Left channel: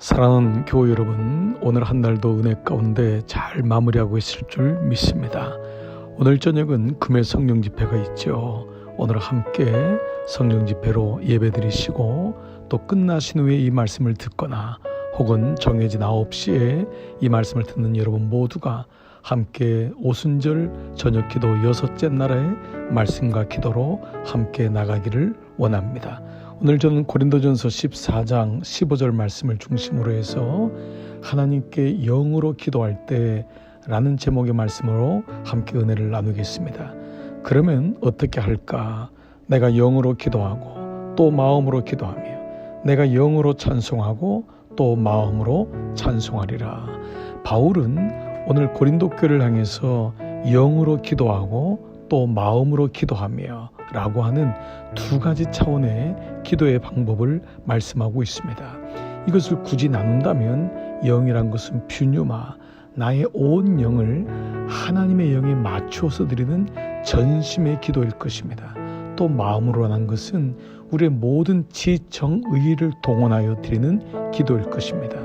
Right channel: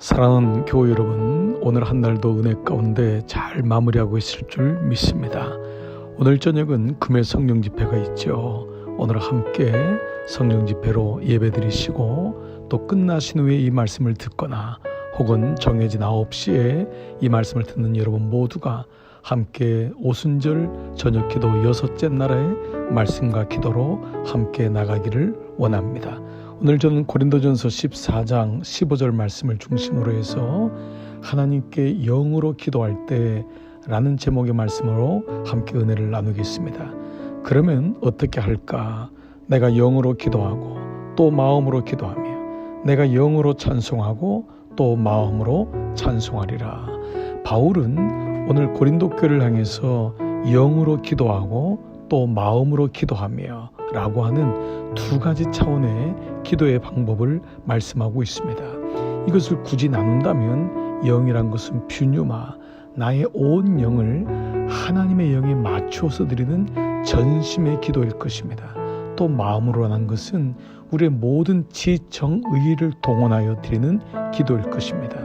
사랑하는 교회 여러분, 오늘 한 날도 은혜 가운데 잘 마무리하고 있을 줄 믿습니다. 오늘 저녁은 금요 성령 집회가 있죠. 오늘 함께 성령 집회로 예배 드리시고 또 끝나신 후에 이 말씀을 듣거나 혹은 정해진 9시에 이 말씀을 듣는 여러분 모두가 함께 오순절 저녁 기도 6째 날의 말씀과 기도로 함께 나가기를 원합니다. 오늘 저는 고린도전서 14장 15절 말씀을 중심으로 해서 하나님께 영으로 기도할 때 라는 제목의 말씀으로 함께 은혜를 나누겠습니다. 그러면 어떻게 할까? 내가 영으로 기도하고 또 마음으로 기도하며 내가 영으로 찬송하고 또 마음으로 찬송하리라. 바울은 오늘 고린도 교회를 향해서 영으로 기도하고 또 마음으로 기도하며 라고 하는 두 가지 차원의 기도의 방법을 말씀하고 있습니다. 이것을 굳이 나눈다면 영이란 것은 퓨뉴마, 나의 온 영을 하나님의 영에 맞추어서 드리는 전심의 기도일 것입니다. 또 마음으로 한 것은 우리의 모든 지정의를 동원하여 드리는 기도일 것입니다.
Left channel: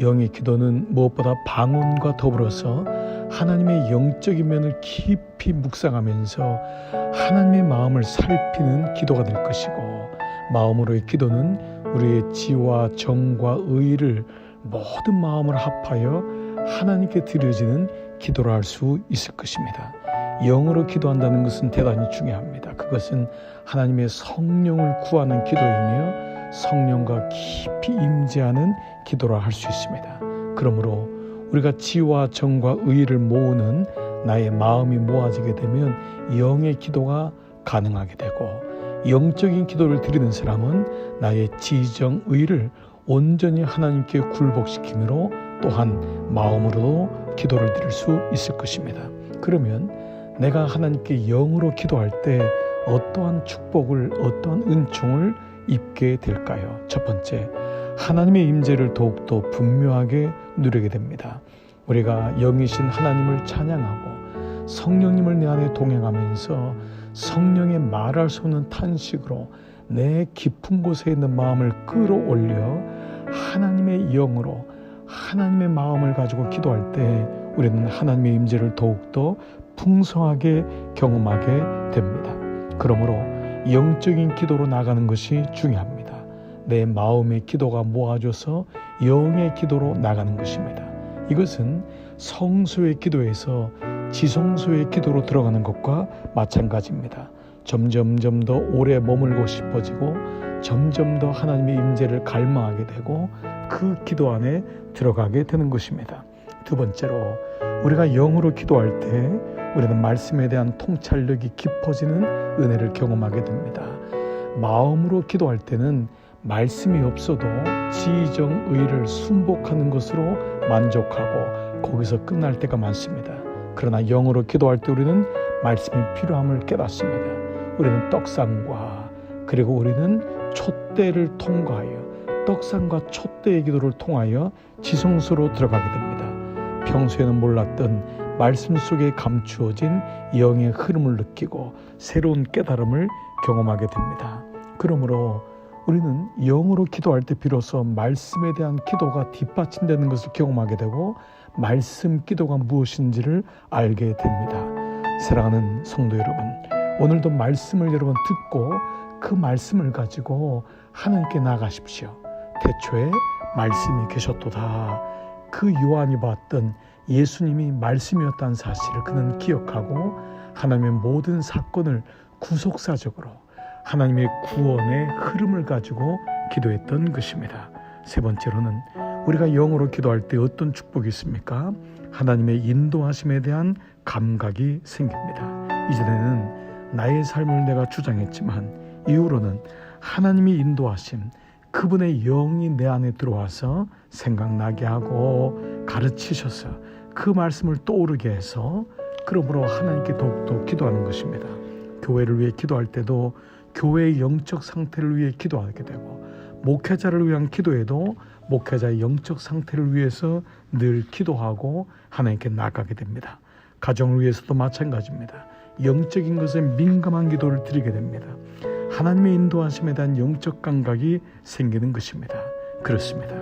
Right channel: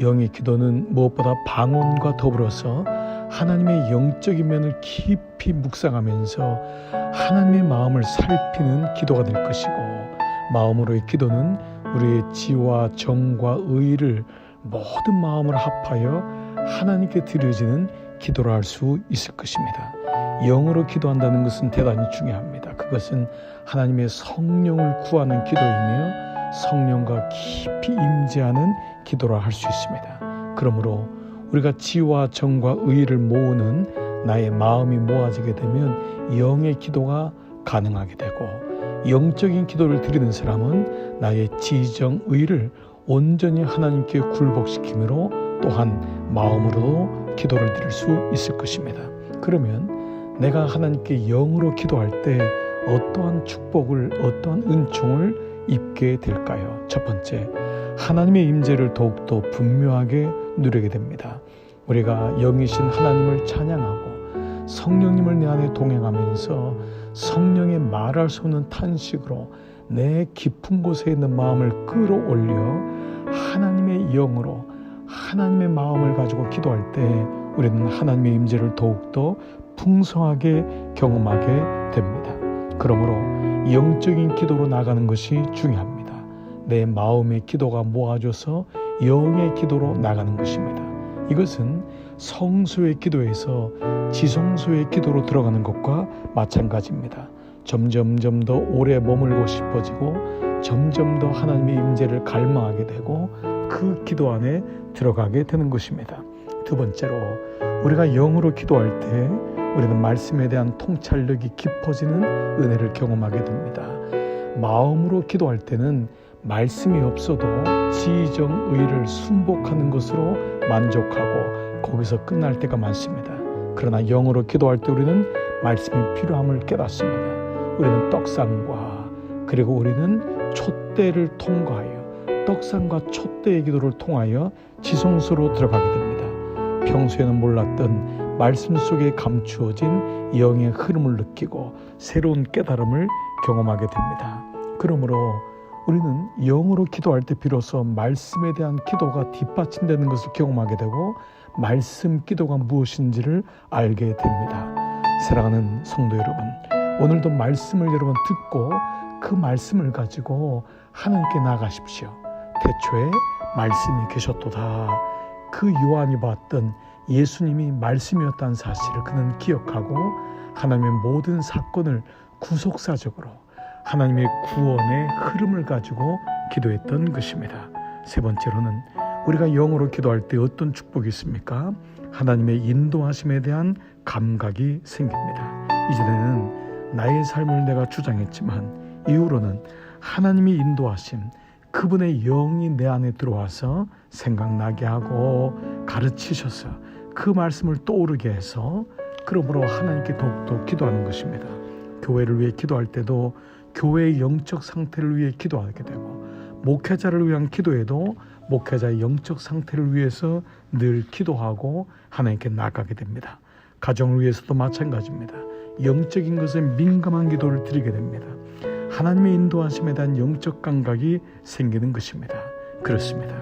영의 기도는 무엇보다 방언과 더불어서 하나님의 영적인 면을 깊이 묵상하면서 하나님의 마음을 살피는 기도가 될 것이고, 마음으로의 기도는 우리의 지와 정과 의를 모든 마음을 합하여 하나님께 드려지는 기도를 할 수 있을 것입니다. 영으로 기도한다는 것은 대단히 중요합니다. 그것은 하나님의 성령을 구하는 기도이며 성령과 깊이 임재하는 기도라 할 수 있습니다. 그러므로 우리가 지와 정과 의를 모으는 나의 마음이 모아지게 되면 영의 기도가 가능하게 되고, 영적인 기도를 드리는 사람은 나의 지정의를 온전히 하나님께 굴복시킴으로 또한 마음으로도 기도를 드릴 수 있을 것입니다. 그러면 내가 하나님께 영으로 기도할 때 어떠한 축복을, 어떠한 은총을 입게 될까요? 첫 번째, 하나님의 임재를 더욱더 분명하게 누리게 됩니다. 우리가 영이신 하나님을 찬양하고 성령님을 내 안에 동행하면서 성령의 말할 수 없는 탄식으로 내 깊은 곳에 있는 마음을 끌어올려 하나님의 영으로 하나님의 마음을 가지고 기도할 때 우리는 하나님의 임재를 더욱더 풍성하게 경험하게 됩니다. 그러므로 영적인 기도로 나가는 것이 중요합니다. 내 마음의 기도가 모아져서 영의 기도로 나가는 것입니다. 이것은 성소의 기도에서 지성소의 기도로 들어가는 것과 마찬가지입니다. 점점 더 오래 머물고 싶어지고 점점 더 하나님의 임재를 갈망하게 되고 그 기도 안에 들어가게 되는 것입니다. 두 번째로, 우리가 영으로 기도할 때 우리는 말씀에 대한 통찰력이 깊어지는 은혜를 경험하게 됩니다. 마음으로 기도할 때는 말씀이 없어도 지정의를 순복하는 것으로 만족하고 거기서 끝날 때가 많습니다. 그러나 영으로 기도할 때 우리는 말씀이 필요함을 깨닫습니다. 우리는 떡상과 그리고 우리는 촛대를 통과하여 떡상과 촛대의 기도를 통하여 지성소로 들어가게 됩니다. 평소에는 몰랐던 말씀 속에 감추어진 영의 흐름을 느끼고 새로운 깨달음을 경험하게 됩니다. 그러므로 우리는 영으로 기도할 때 비로소 말씀에 대한 기도가 뒷받침되는 것을 경험하게 되고 말씀 기도가 무엇인지를 알게 됩니다. 사랑하는 성도 여러분, 오늘도 말씀을 여러분 듣고 그 말씀을 가지고 하나님께 나가십시오. 태초에 말씀이 계셨도다. 그 요한이 봤던 예수님이 말씀이었다는 사실을 그는 기억하고 하나님의 모든 사건을 구속사적으로 하나님의 구원의 흐름을 가지고 기도했던 것입니다. 세 번째로는 우리가 영으로 기도할 때 어떤 축복이 있습니까? 하나님의 인도하심에 대한 감각이 생깁니다. 이전에는 나의 삶을 내가 주장했지만 이후로는 하나님이 인도하심, 그분의 영이 내 안에 들어와서 생각나게 하고 가르치셔서 그 말씀을 떠오르게 해서 그러므로 하나님께 더욱더 기도하는 것입니다. 교회를 위해 기도할 때도 교회의 영적 상태를 위해 기도하게 되고, 목회자를 위한 기도에도 목회자의 영적 상태를 위해서 늘 기도하고 하나님께 나가게 됩니다. 가정을 위해서도 마찬가지입니다. 영적인 것에 민감한 기도를 드리게 됩니다. 하나님의 인도하심에 대한 영적 감각이 생기는 것입니다. 그렇습니다.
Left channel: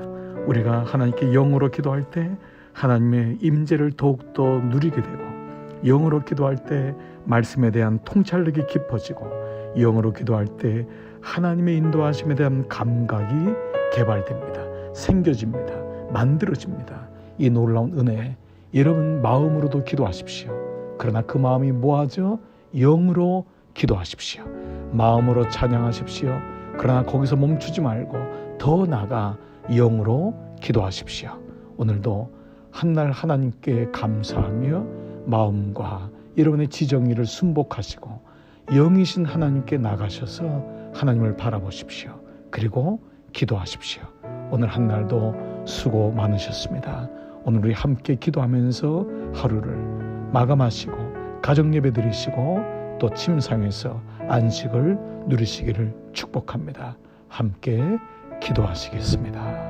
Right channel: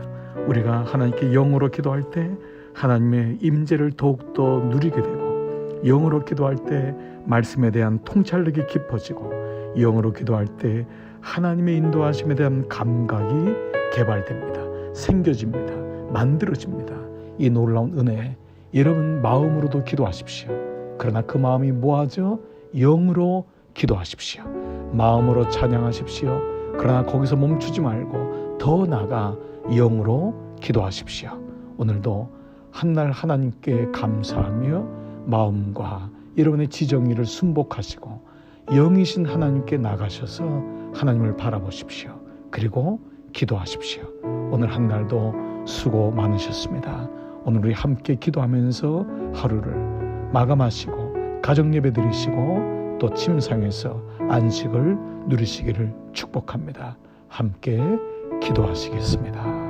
우리가 하나님께 영으로 기도할 때 하나님의 임재를 더욱더 누리게 되고, 영으로 기도할 때 말씀에 대한 통찰력이 깊어지고, 영으로 기도할 때 하나님의 인도하심에 대한 감각이 개발됩니다. 생겨집니다. 만들어집니다. 이 놀라운 은혜, 여러분 마음으로도 기도하십시오. 그러나 그 마음이 뭐하죠? 영으로 기도하십시오. 마음으로 찬양하십시오. 그러나 거기서 멈추지 말고 더 나아가 영으로 기도하십시오. 오늘도 한날 하나님께 감사하며 마음과 여러분의 지정의를 순복하시고 영이신 하나님께 나가셔서 하나님을 바라보십시오. 그리고 기도하십시오. 오늘 한날도 수고 많으셨습니다. 오늘 우리 함께 기도하면서 하루를 마감하시고 가정예배 드리시고 또 침상에서 안식을 누리시기를 축복합니다. 함께 기도하시겠습니다.